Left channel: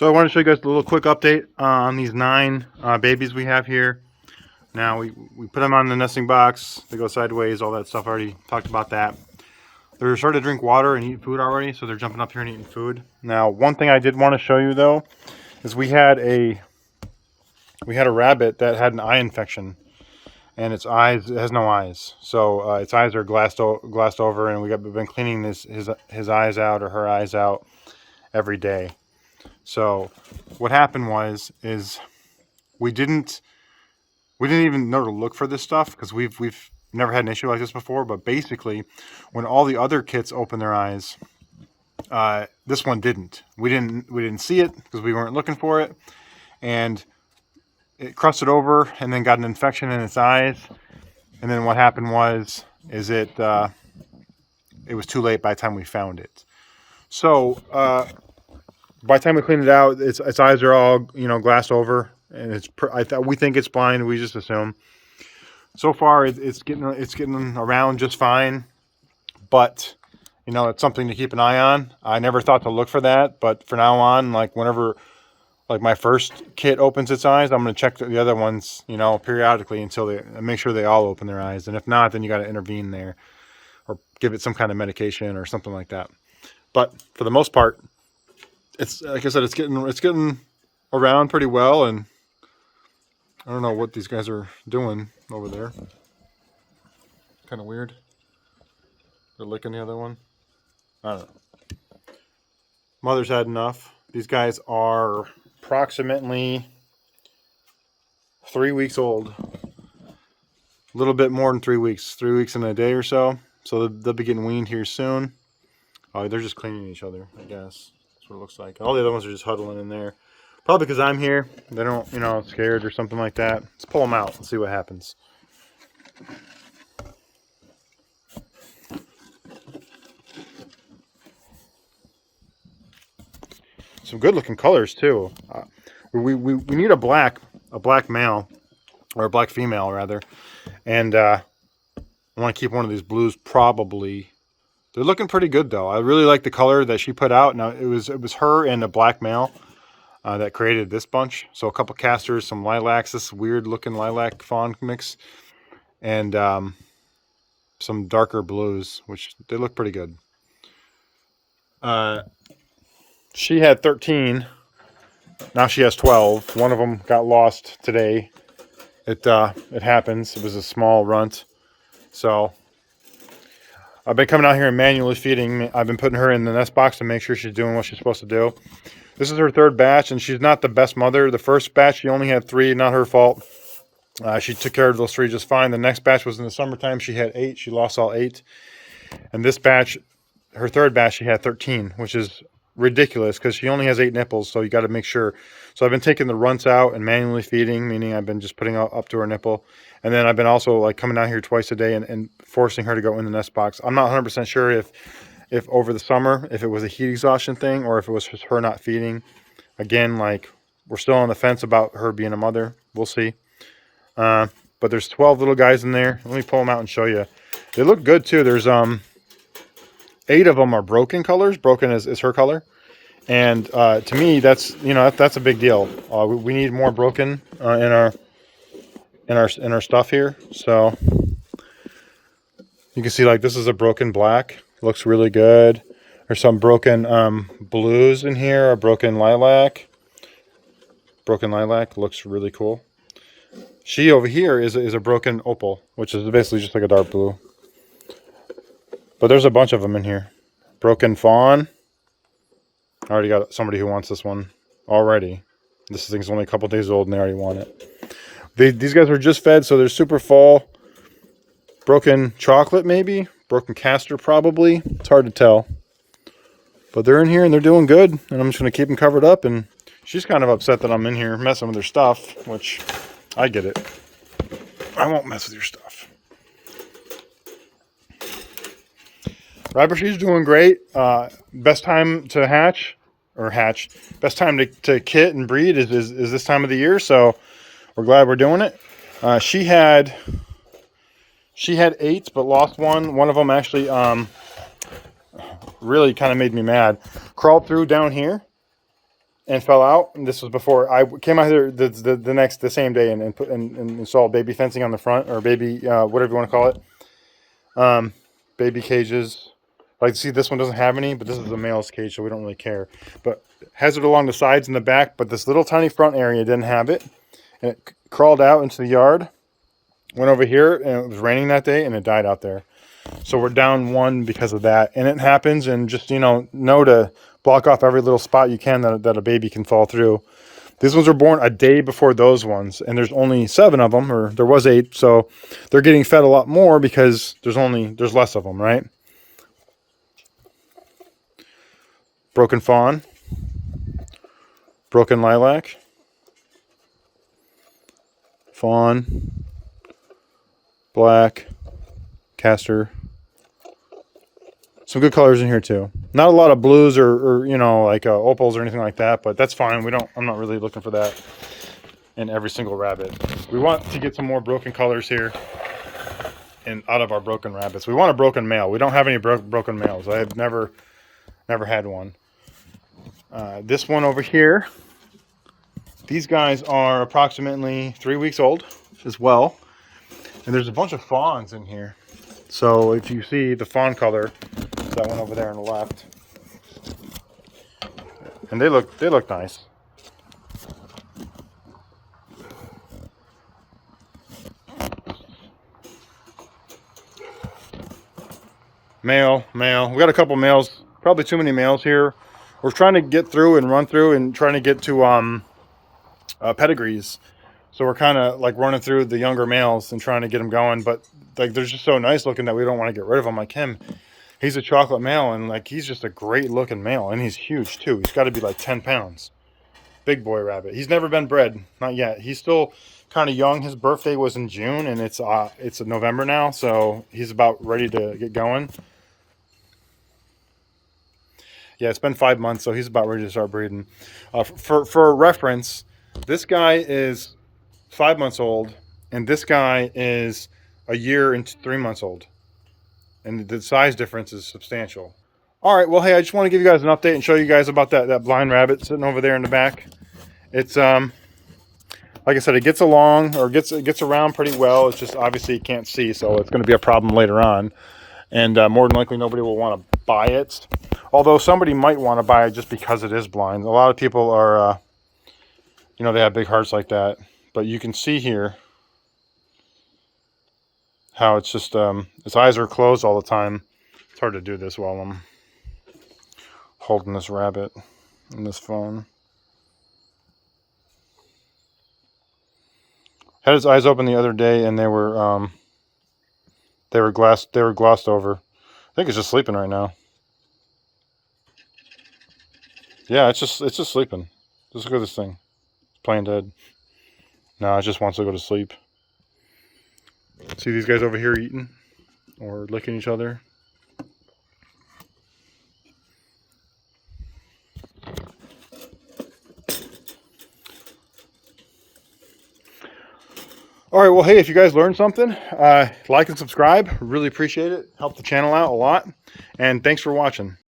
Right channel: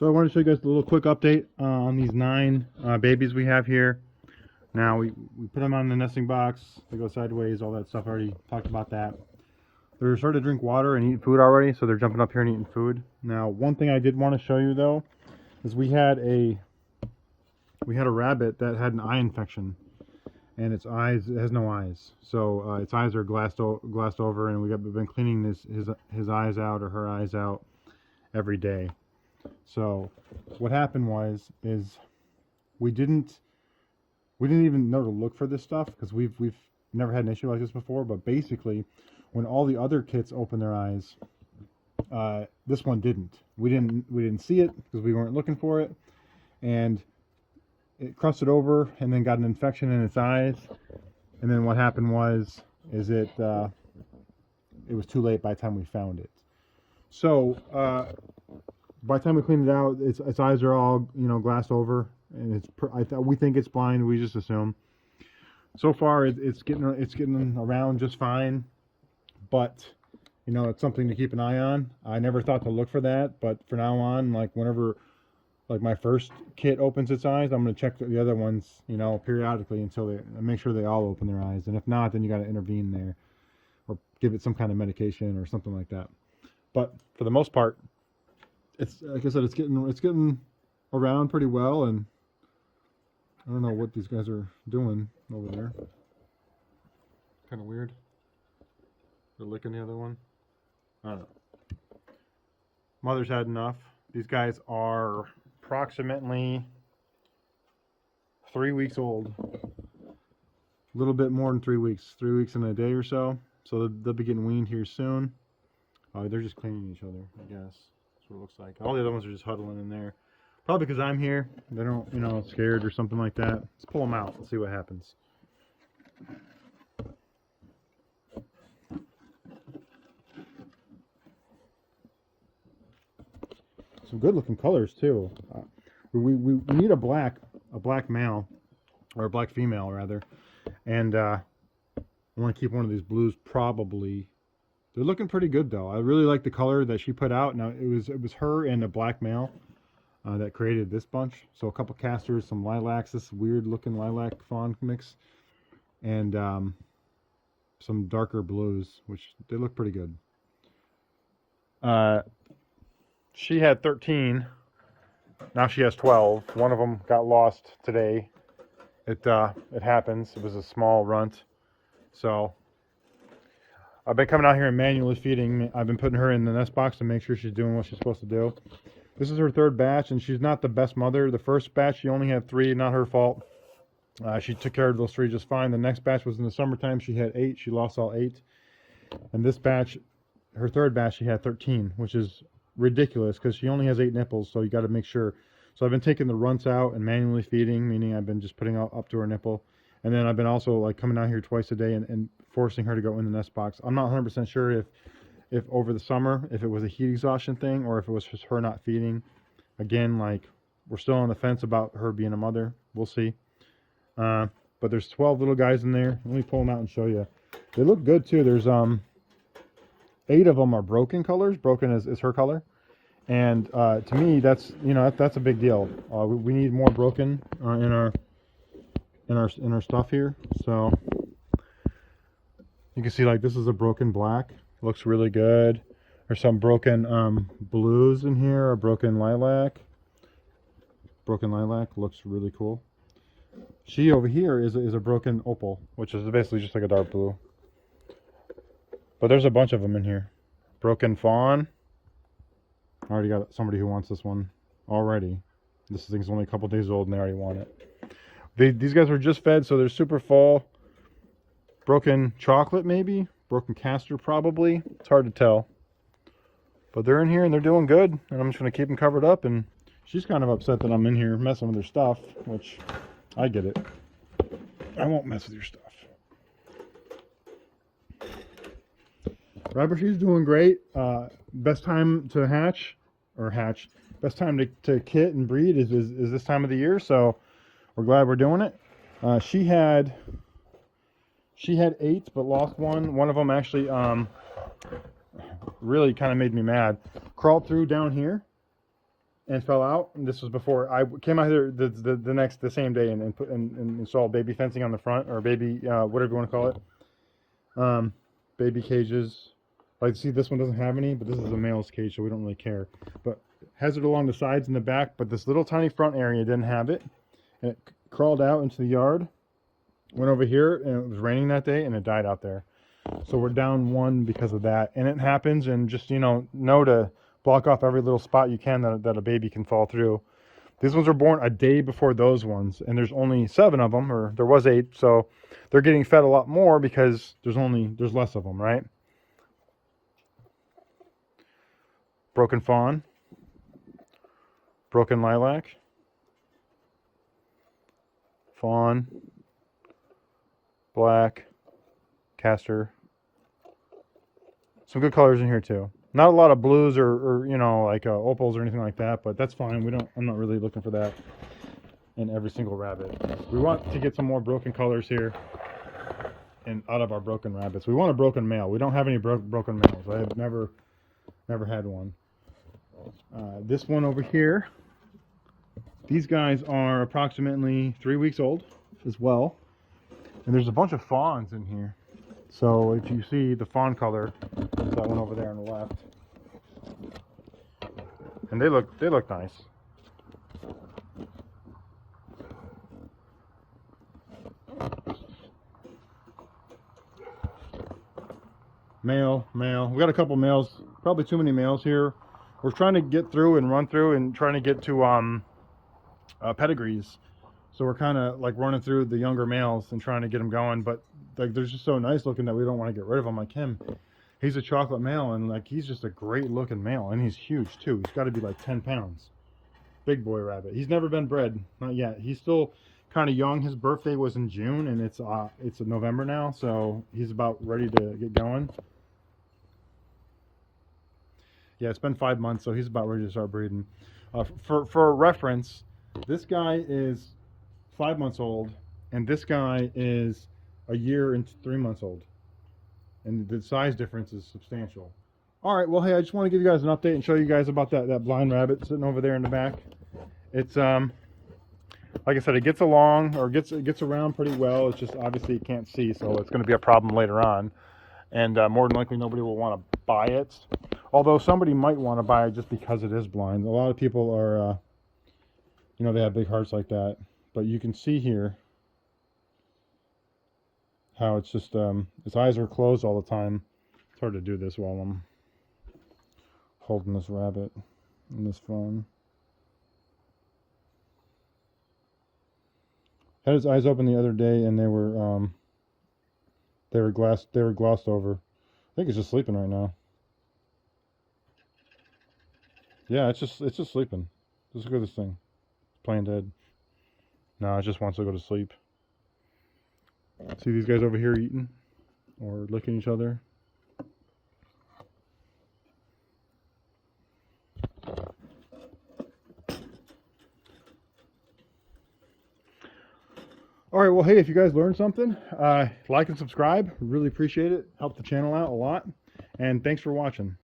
So I want to show you guys a little quick update on these 9 babies we have here. Now we put them on the nesting box. They go sideways, all that stuff. I already talked about that. They're starting to drink water and eat food already, so they're jumping up here and eating food. Now, one thing I did want to show you though is we had a rabbit that had an eye infection, and it has no eyes. So its eyes are glassed over, and we've been cleaning his eyes out, or her eyes out, every day. So what happened is we didn't even know to look for this stuff, because we've never had an issue like this before. But basically, when all the other kits opened their eyes, this one didn't. We didn't see it because we weren't looking for it, and it crusted over and then got an infection in its eyes. And then what happened was it was too late by the time we found it. So by the time we cleaned it out, its eyes are all glassed over, and we think it's blind. We just assume. So far, it's getting around just fine, but it's something to keep an eye on. I never thought to look for that, but from now on, whenever my first kit opens its eyes, I'm going to check the other ones, periodically until they make sure they all open their eyes. And if not, then you got to intervene there, or give it some kind of medication or something like that. But for the most part, it's like I said, it's getting around pretty well. And I don't know what these guys are doing over there. Kind of weird. They're licking the other one. I don't know. Mother's had enough. These guys are approximately 3 weeks old. A little bit more than 3 weeks. 3 weeks and a day or so. So they'll be getting weaned here soon. Oh, they're just cleaning each other, I guess. That's what it looks like. All the other ones are just huddling in there. Probably because I'm here. They don't, scared or something like that. Let's pull them out. Let's see what happens. Some good looking colors too. We need a black male, or a black female rather, and I want to keep one of these blues probably. They're looking pretty good though. I really like the color that she put out. Now it was her and a black male that created this bunch. So a couple casters, some lilacs, this weird looking lilac fawn mix, and some darker blues, which they look pretty good. She had 13. Now she has 12. One of them got lost today. It happens. It was a small runt. So I've been coming out here and manually feeding. I've been putting her in the nest box to make sure she's doing what she's supposed to do. This is her 3rd batch, and she's not the best mother. The first batch, she only had 3, not her fault. She took care of those 3 just fine. The next batch was in the summertime. She had 8. She lost all 8. And this batch, her 3rd batch, she had 13, which is ridiculous because she only has 8 nipples, so you got to make sure. So I've been taking the runts out and manually feeding, meaning I've been just putting up to her nipple, and then I've been also coming out here twice a day and forcing her to go in the nest box. I'm not 100% sure if over the summer, if it was a heat exhaustion thing or if it was just her not feeding. Again, we're still on the fence about her being a mother. We'll see. But there's 12 little guys in there. Let me pull them out and show you. They look good too. There's 8 of them are broken colors. Broken is her color, and to me, that's that's a big deal. We need more broken in our stuff here. So you can see this is a broken black. Looks really good. There's some broken blues in here. A broken lilac. Broken lilac looks really cool. She over here is a broken opal, which is basically just like a dark blue. But there's a bunch of them in here. Broken fawn. I already got somebody who wants this one already. This thing's only a couple days old and they already want it. These guys were just fed, so they're super full. Broken chocolate maybe. Broken castor probably. It's hard to tell. But they're in here and they're doing good. And I'm just going to keep them covered up. And she's kind of upset that I'm in here messing with her stuff, which I get it. I won't mess with your stuff. Rabbitry's doing great. Best time to best time to kit and breed is this time of the year. So we're glad we're doing it. She had 8, but lost one. One of them actually really kind of made me mad. Crawled through down here and fell out. And this was before I came out here the same day and installed baby fencing on the front, or baby whatever you want to call it. Baby cages. Like, see, this one doesn't have any, but this is a male's cage, so we don't really care. But has it along the sides and the back, but this little tiny front area didn't have it, and it crawled out into the yard. Went over here, and it was raining that day, and it died out there. So we're down one because of that, and it happens. And just know to block off every little spot you can that a baby can fall through. These ones were born a day before those ones, and there's only 7 of them, or there was 8, so they're getting fed a lot more because there's less of them, right? Broken fawn, broken lilac, fawn, black, castor. Some good colors in here too. Not a lot of blues or like opals or anything like that, but that's fine. I'm not really looking for that in every single rabbit. We want to get some more broken colors here and out of our broken rabbits. We want a broken male. We don't have any broken males. I have never had one. This one over here, these guys are approximately 3 weeks old as well. And there's a bunch of fawns in here. So if you see the fawn color, it's that one over there on the left. And they look nice. Male. We got a couple males, probably too many males here. We're trying to get through and run through and trying to get to pedigrees. So we're kind of like running through the younger males and trying to get them going, but like they're just so nice looking that we don't want to get rid of them. Like him, he's a chocolate male, and like he's just a great looking male, and he's huge too. He's got to be like 10 pounds. Big boy rabbit. He's never been bred, not yet. He's still kind of young. His birthday was in June, and it's November now, so he's about ready to get going. Yeah, it's been 5 months, so he's about ready to start breeding. For reference, this guy is 5 months old, and this guy is a year and 3 months old, and the size difference is substantial. All right, well, hey, I just want to give you guys an update and show you guys about that blind rabbit sitting over there in the back. It's like I said, it gets along, or gets around pretty well. It's just obviously you can't see, so it's going to be a problem later on, and more than likely nobody will want to buy it. Although somebody might want to buy it just because it is blind. A lot of people are, they have big hearts like that. But you can see here how it's just, its eyes are closed all the time. It's hard to do this while I'm holding this rabbit in this phone. Had his eyes open the other day, and they were glossed over. I think it's just sleeping right now. Yeah, it's just sleeping. Just look at this thing. It's playing dead. No, it just wants to go to sleep. See these guys over here eating or licking each other? All right, well, hey, if you guys learned something, like and subscribe. Really appreciate it. Help the channel out a lot. And thanks for watching.